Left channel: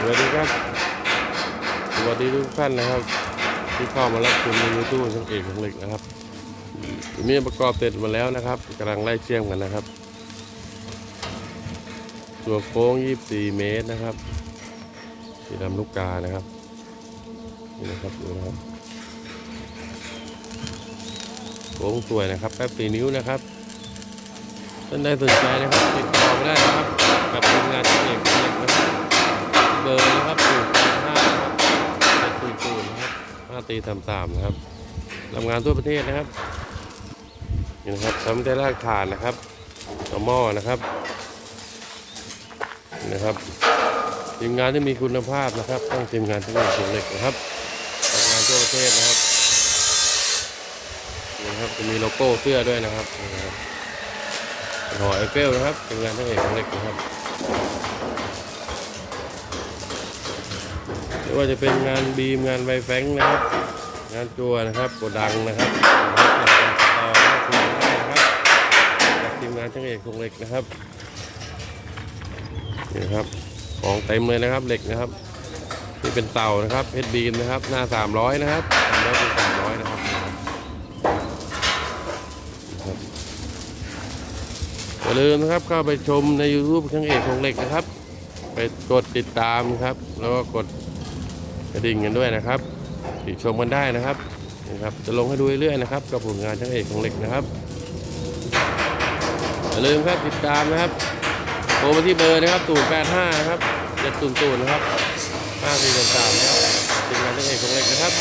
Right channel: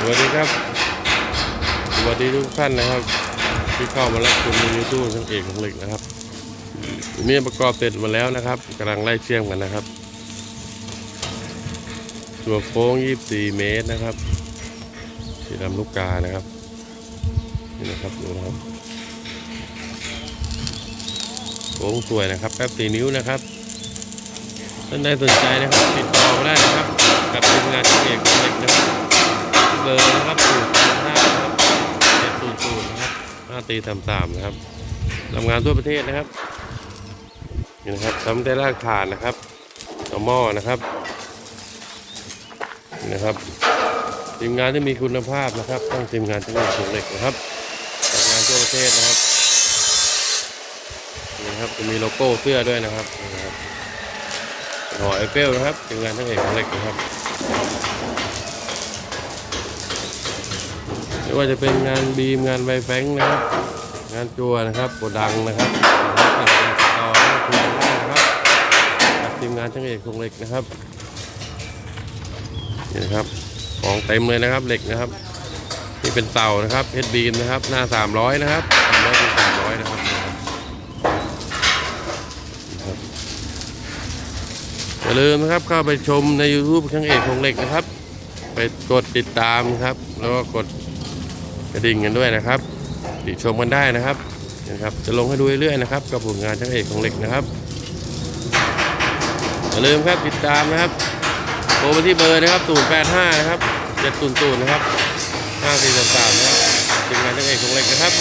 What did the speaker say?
สวัสดีครับ สวัสดีทุกท่านนะครับ ที่เข้ามารับชมในยูทูบช่างเอกของเหล็กนะครับมีประกอบเสร็จมาแล้วนะครับกำลังไล่เชื่อมกันนะครับ ตัวโค้ง 24 เมตรนะครับ ที่ลำลูกกานะครับนี่นะครับดูนะครับโค้งสวยนะครับแป๊บสีนิ้วนะครับท่านใดสนใจนะครับ ติดต่อมา บอร์นะครับศูนย์แปดห้านะครับเจ็ดศูนย์ศูนย์นะครับห้าตีสามสามนะครับทำงานทั่วประเทศนะครับนี่นะครับทำได้รากฐานนะครับต่อหม้อนะครับนี่นะครับทีมงานที่มีคุณภาพนะครับต้องทีมงานที่มีคุณเหล็กนะครับทำงานทั่วประเทศนะครับนี่นะครับจะมีโลโก้เสื้อด้วยนะครับนี่นะครับหอไอเฟลนะครับทีมงานทั้งเอกของเหล็กนะครับ ไม่ว่าจะเป็นงานบีมงานไวแฟงนะครับ งานจัวนะครับโกดังนะครับอยากจะติดต่อก็คุยกันได้นะครับกับทีมงานช่างเอกคงเหล็กนะครับนี่ครับของเต็มเลยนะครับเหล็กนะครับนี่เป็นเต่านะครับเพชรบีมนะครับ หน้า 300 นะครับ300เป็น300นะครับนะครับนะครับอย่าลืมนะครับเข้าไปชมใน YouTube ช่างเอกคงเหล็กนะครับ ไปกดติดตามครับ แล้วก็กด กระดิ่งกันด้วยนะครับติดชมกันได้นะครับนะครับ จะลงให้ดูเรื่อยๆนะครับ กับผลงานช่างเอกของเหล็กนะครับอย่าลืมครับติดตามนะครับโทรมาที่เบอร์นะครับ085นะครับ700นะครับ5433นะครับทีมงานช่างเอกของเหล็กนะครับ